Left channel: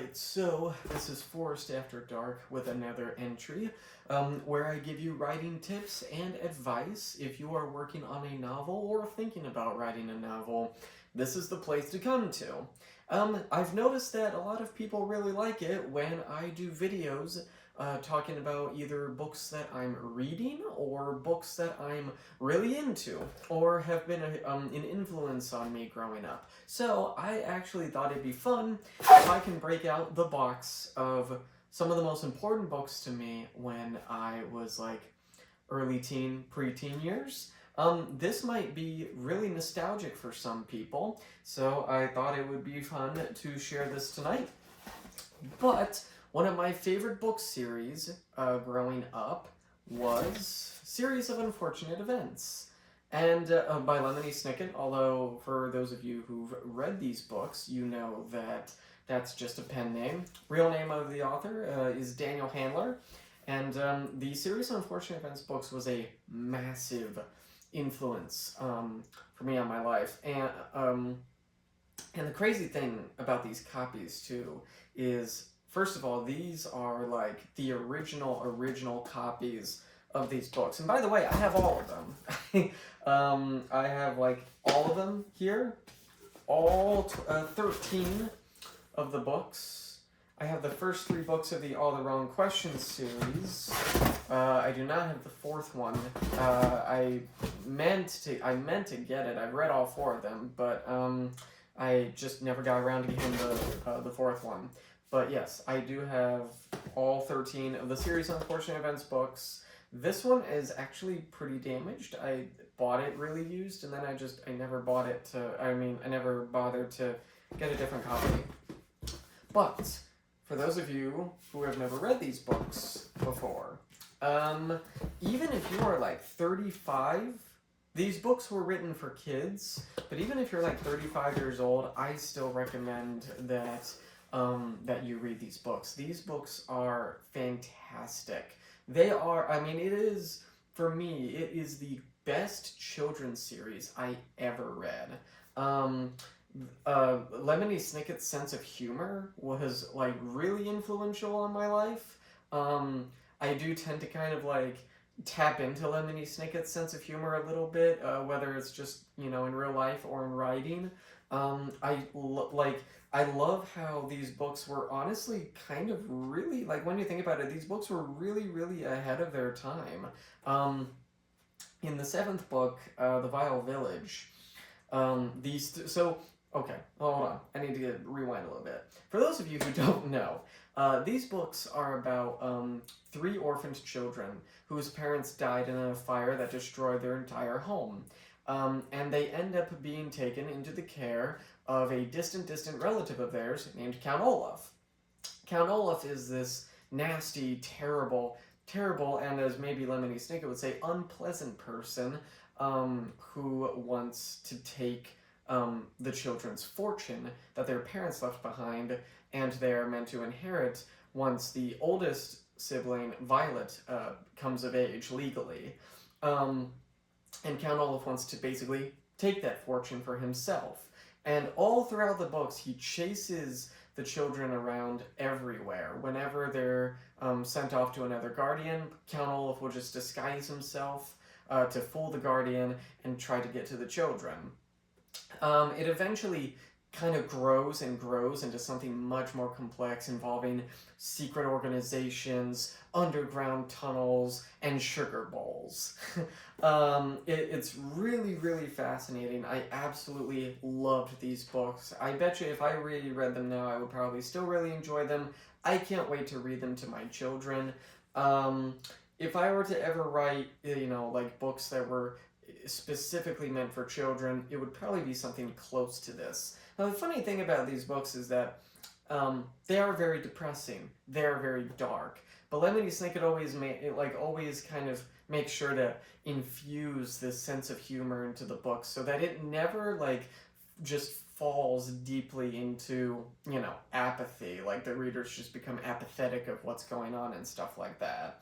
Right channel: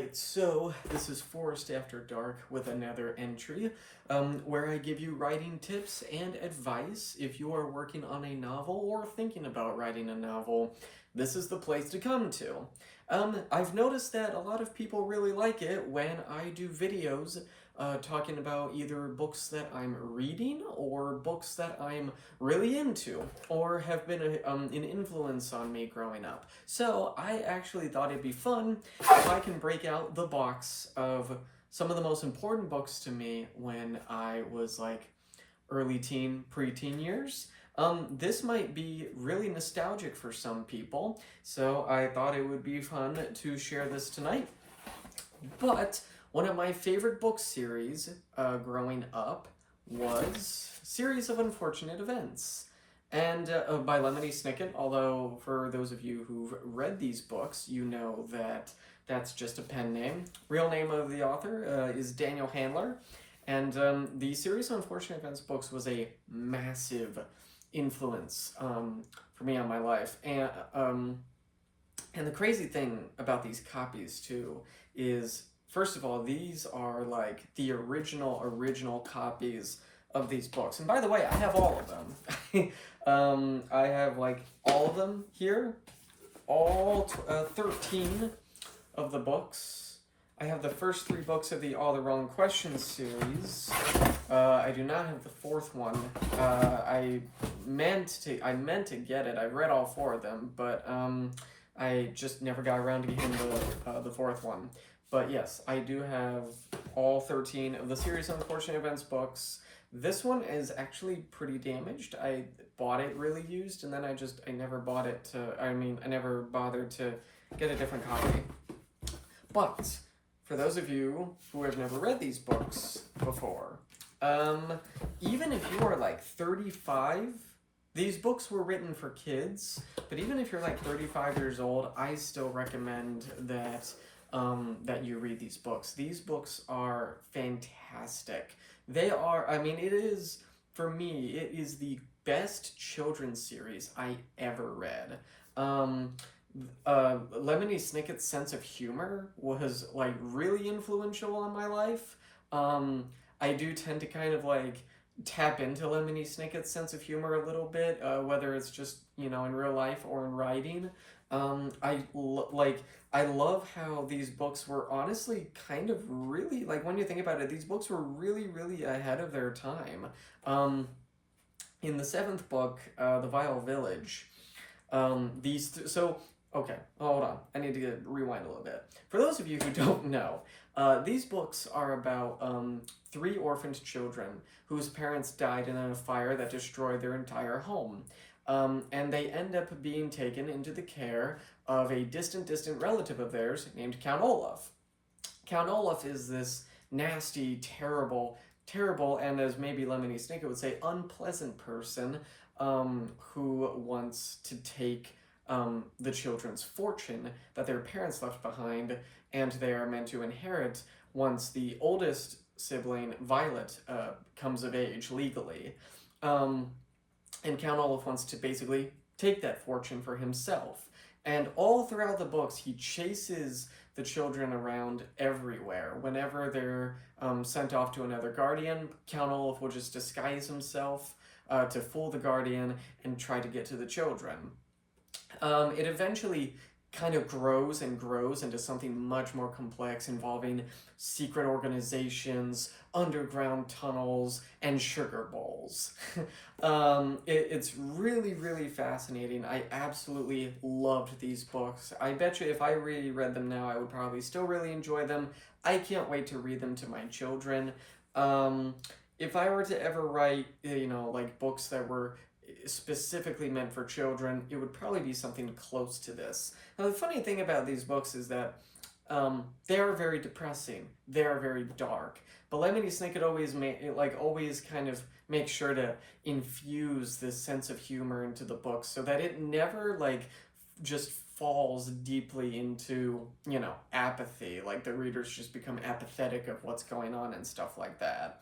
Alright, so this is Forest After Dark with another entry where I give you writing tips and advice. If you are working on a novel or thinking about writing a novel, this is the place to come to. I've noticed that a lot of people really like it when I do videos talking about either books that I'm reading or books that I'm really into or have been an influence on me growing up. So I actually thought it'd be fun if I can break out the box of some of the most important books to me when I was like early teen, preteen years. This might be really nostalgic for some people, so I thought it would be fun to share this tonight. But one of my favorite book series growing up was Series of Unfortunate Events. And by Lemony Snicket, although for those of you who've read these books, you know that that's just a pen name. Real name of the author is Daniel Handler. And the Series of Unfortunate Events books was a massive influence for me on my life. And the crazy thing about these copies, too, is, first of all, these are like the original copies of these books. And by the way, I have all of them. I have like all of them here, all 13 of the books. I have the first 3 books of the All the Wrong Questions series. I do not have the 4th one. I meant to get it. I've read all 4 of them, but I just never got around to getting the 4th one. But yes, I do have all 13 of the Series of Unfortunate Events books. This one is actually pretty damaged. I bought it really used, and then I never bought it I never bothered to get a different copy. But for those of you who have never read these books before, even if you are like 35, these books were written for kids, but even if you're like 35 years old, I still recommend that that you read these books. These books are fantastic. They are, it is, for me, it is the best children's series I ever read. Lemony Snicket's sense of humor was like really influential on my life. I do tend to kind of like tap into Lemony Snicket's sense of humor a little bit, whether it's just, in real life or in writing. I love how these books were honestly kind of really, like when you think about it, these books were really, really ahead of their time. In the 7th book, The Vile Village, okay, hold on. I need to rewind a little bit. For those of you who don't know, these books are about 3 orphaned children whose parents died in a fire that destroyed their entire home. And they end up being taken into the care of a distant relative of theirs named Count Olaf. Count Olaf is this nasty, terrible, and as maybe Lemony Snicket would say, unpleasant person who wants to take the children's fortune that their parents left behind and they are meant to inherit once the oldest sibling, Violet, comes of age legally. And Count Olaf wants to basically take that fortune for himself. And all throughout the books, he chases the children around everywhere. Whenever they're sent off to another guardian, Count Olaf will just disguise himself to fool the guardian and try to get to the children. It eventually kind of grows into something much more complex involving secret organizations, underground tunnels, and sugar bowls. It's really, really fascinating. I absolutely loved these books. I bet you if I reread them now, I would probably still really enjoy them. I can't wait to read them to my children. If I were to ever write, like books that were specifically meant for children, it would probably be something close to this. Now, the funny thing about these books is that they are very depressing. They are very dark. But Lemony Snicket always kind of makes sure to infuse this sense of humor into the book so that it never just falls deeply into, apathy. Like the readers just become apathetic of what's going on and stuff like that.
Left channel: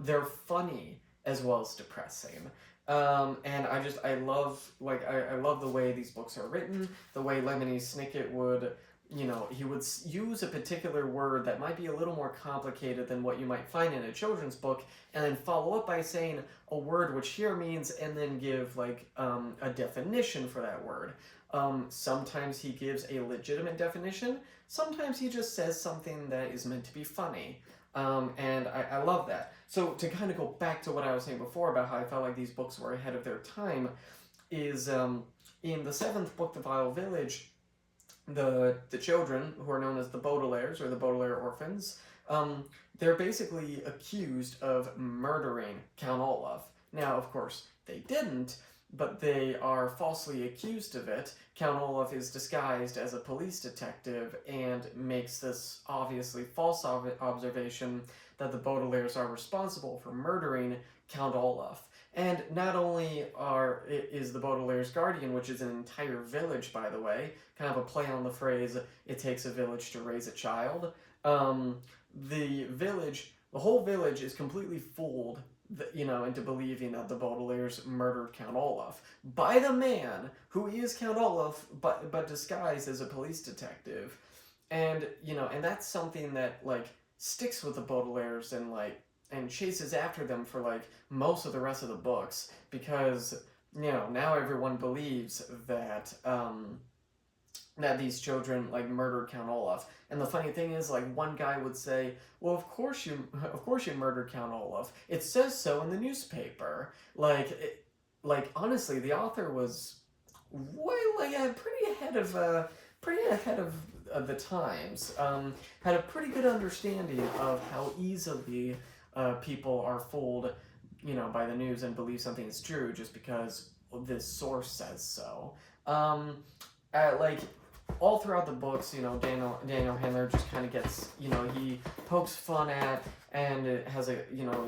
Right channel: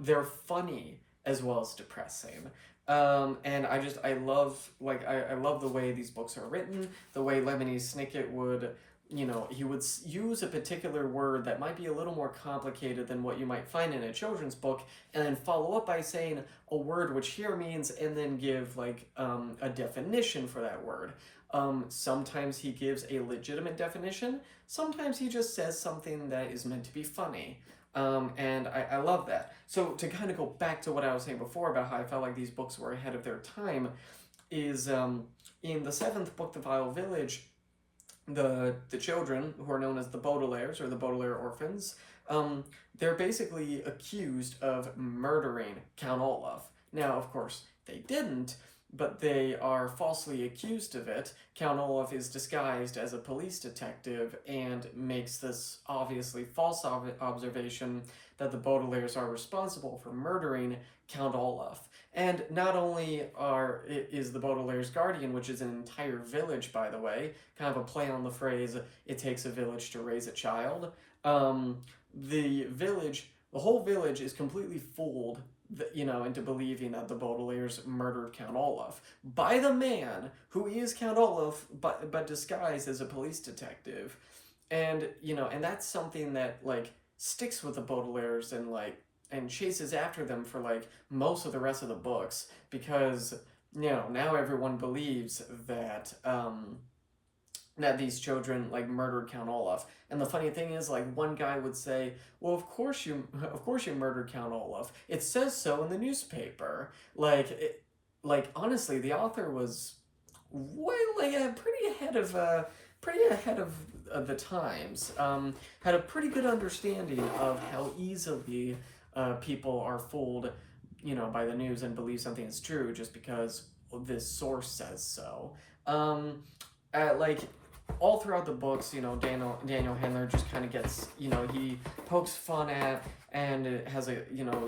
They're funny as well as depressing. And I love the way these books are written, the way Lemony Snicket would he would use a particular word that might be a little more complicated than what you might find in a children's book, and then follow up by saying a word which here means, and then give like a definition for that word. Sometimes he gives a legitimate definition. Sometimes he just says something that is meant to be funny. And I love that. So to kind of go back to what I was saying before about how I felt like these books were ahead of their time, is in the seventh book, The Vile Village, the children, who are known as the Baudelaires, or the Baudelaire orphans, they're basically accused of murdering Count Olaf. Now, of course, they didn't, but they are falsely accused of it. Count Olaf is disguised as a police detective and makes this obviously false observation that the Baudelaires are responsible for murdering Count Olaf. And not only is the Baudelaire's guardian, which is an entire village, by the way, kind of a play on the phrase, it takes a village to raise a child, the whole village is completely fooled, into believing that the Baudelaires murdered Count Olaf by the man who is Count Olaf, but disguised as a police detective. And, and that's something that, like, sticks with the Baudelaires and chases after them for like most of the rest of the books, because now everyone believes that that these children like murdered Count Olaf. And the funny thing is, like, one guy would say, well, of course you murdered Count Olaf, it says so in the newspaper. Like honestly, the author was pretty ahead of the times, had a pretty good understanding of how easily people are fooled, by the news and believe something is true just because this source says so. All throughout the books, Daniel Handler just kind of gets, he pokes fun at and has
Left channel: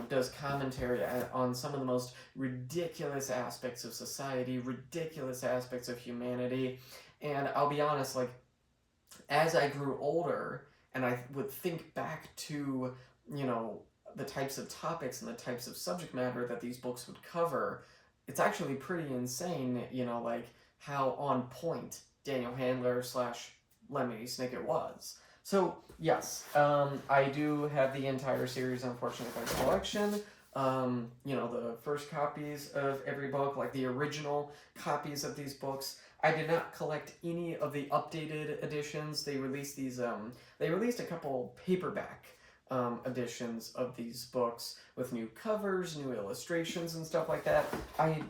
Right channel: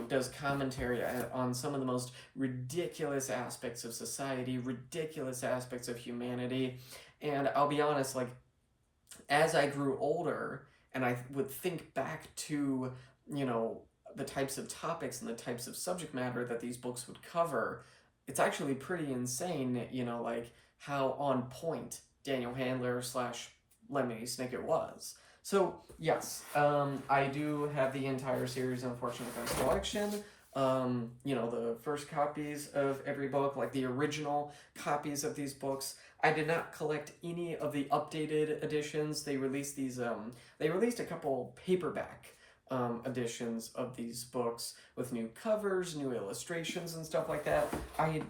does commentary on some of the most ridiculous aspects of society, ridiculous aspects of humanity. And I'll be honest, like, as I grew older and I would think back to, the types of topics and the types of subject matter that these books would cover, it's actually pretty insane, like how on point Daniel Handler / Lemony Snicket was. So yes, I do have the entire series Unfortunate Events collection. The first copies of every book, like the original copies of these books. I did not collect any of the updated editions. They released these. They released a couple paperback editions of these books with new covers, new illustrations, and stuff like that. I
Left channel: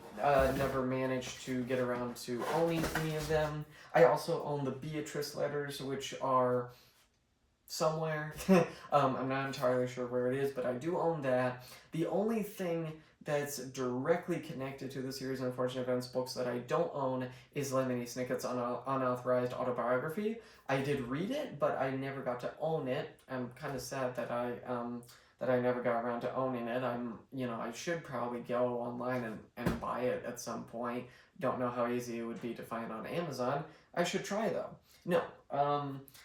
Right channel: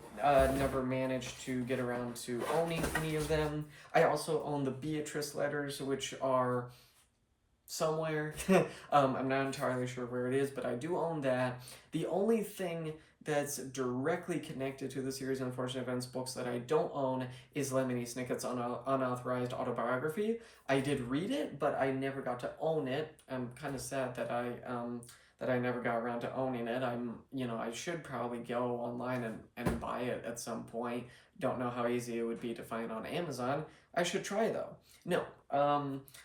never managed to get around to owning any of them. I also own the Beatrice letters, which are somewhere. I'm not entirely sure where it is, but I do own that. The only thing that's directly connected to the series of Unfortunate Events books that I don't own is Lemony Snicket's unauthorized autobiography. I did read it, but I never got to own it. I'm kind of sad that I never got around to owning it. I should probably go online and buy it at some point. Don't know how easy it would be to find on Amazon. I should try, though. No,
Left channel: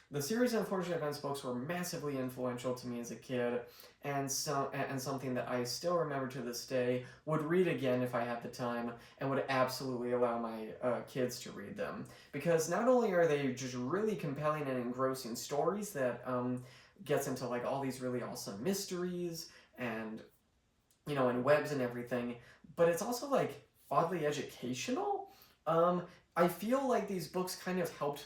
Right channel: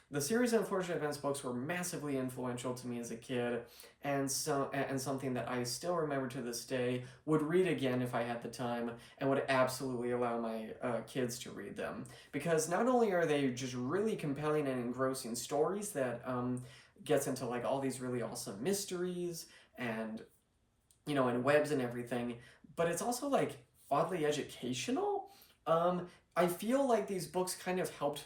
the series of Unfortunate Events books were massively influential to me as a kid, and something that I still remember to this day, would read again if I had the time, and would absolutely allow my kids to read them. Because not only are they just really compelling and engrossing stories that gets into like all these really awesome mysteries and and webs and everything, but it's also like oddly educational. I feel like these books kind of helped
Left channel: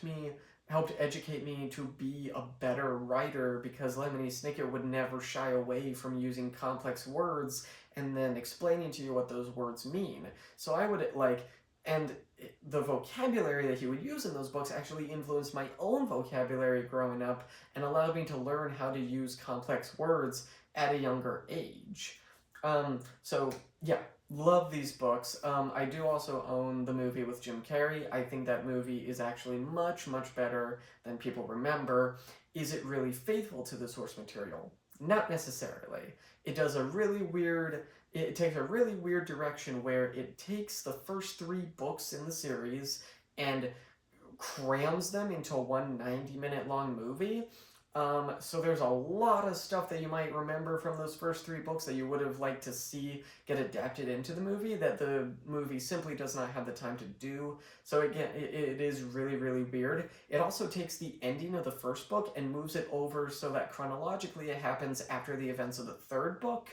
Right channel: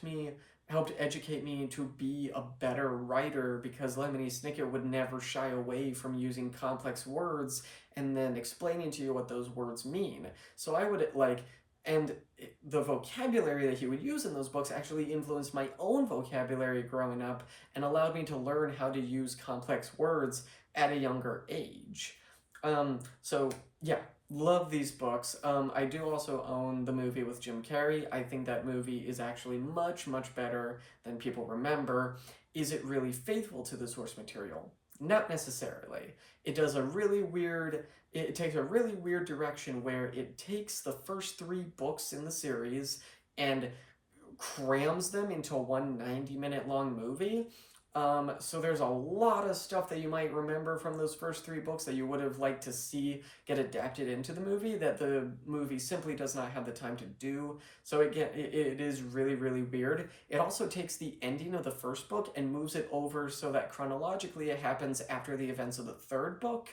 educate me to be a better writer, because Lemony Snicket would never shy away from using complex words and then explaining to you what those words mean. So I would and the vocabulary that he would use in those books actually influenced my own vocabulary growing up and allowed me to learn how to use complex words at a younger age. So yeah, love these books. I do also own the movie with Jim Carrey. I think that movie is actually much, much better than people remember. Is it really faithful to the source material? Not necessarily. It takes a really weird direction where it takes the first 3 books in the series and crams them into one 90-minute long movie. So there's a lot of stuff that you might remember from those first three books that you would have liked to see get adapted into the movie that the movie simply does not have the time to do. So again, it is really, really weird. It also takes the ending of the first book and moves it over so that chronologically it happens after the events of the third book.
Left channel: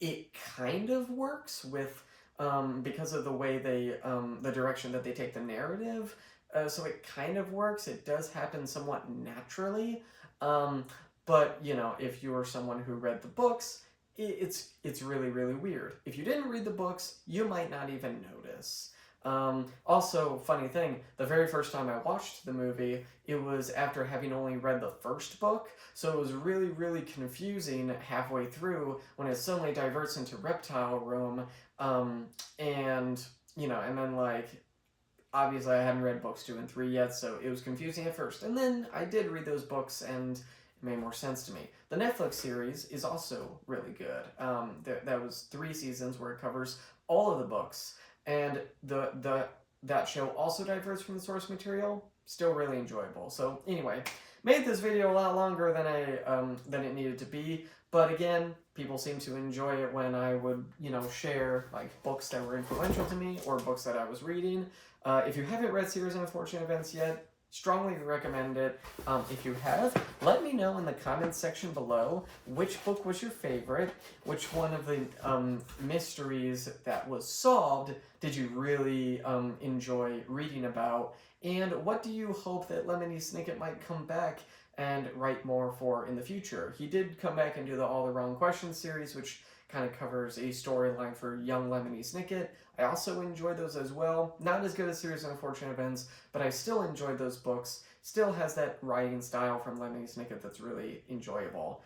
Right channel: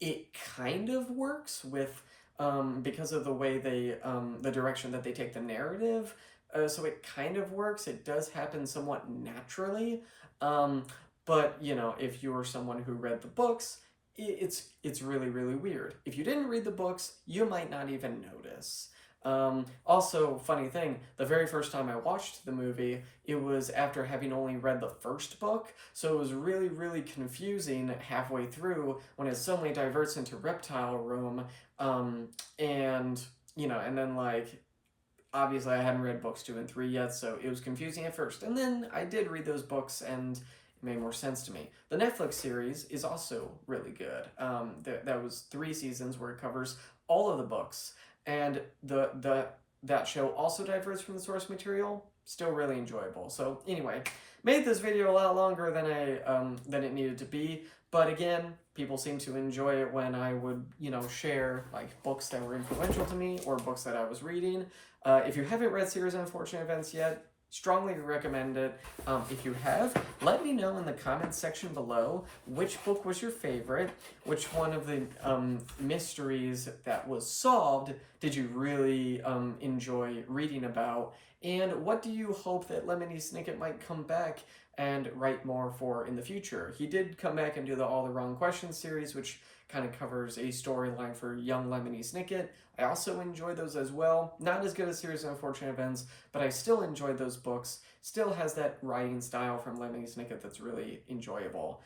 It kind of works with because of the way they the direction that they take the narrative. So it kind of works. It does happen somewhat naturally. But you know, if you're someone who read the books, it's really, really weird. If you didn't read the books, you might not even notice. Also, funny thing, the very first time I watched the movie, it was after having only read the first book, so it was really, really confusing halfway through when it suddenly diverts into Reptile Room, and, you know, and then, like, obviously I hadn't read books 2 and 3 yet, so it was confusing at first, and then I did read those books, and it made more sense to me. The Netflix series is also really good. That was 3 seasons where it covers all of the books, and that show also diverts from the source material. Still really enjoyable. So anyway, made this video a lot longer than it needed to be. But again, people seem to enjoy it when I would, you know, share like books that were influential to me or books that I was reading. If you haven't read Series of Unfortunate Events yet, strongly recommend it. If you have, let me know in the comments section below which book was your favorite, which one of the mysteries that was solved did you really enjoy reading about, and what do you hope that Lemony Snicket might come back and write more for in the future. He did come back and do the All the Wrong Questions series, which kind of covers a storyline for young Lemony Snicket. I also enjoy those as well. Not as good as Series of Unfortunate Events, but I still enjoyed those books. Still has that writing style from Lemony Snicket that's really enjoyable.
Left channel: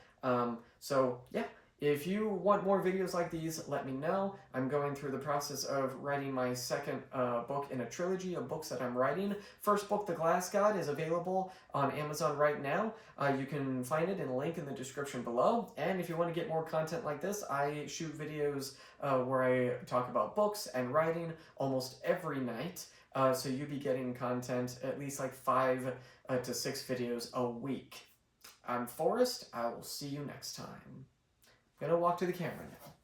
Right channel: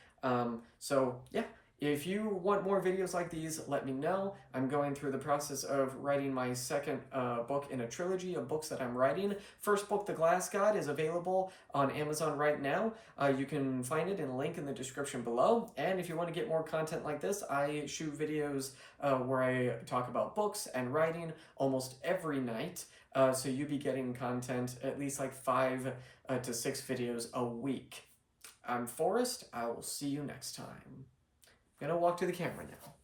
So yeah, if you want more videos like these, let me know. I'm going through the process of writing my second book in a trilogy of books that I'm writing. First book, The Glass God, is available on Amazon right now. You can find it in a link in the description below. And if you want to get more content like this, I shoot videos where I talk about books and writing almost every night. So you'll be getting content, at least like 5 to 6 videos a week. I'm Forrest. I will see you next time. I'm gonna walk to the camera now.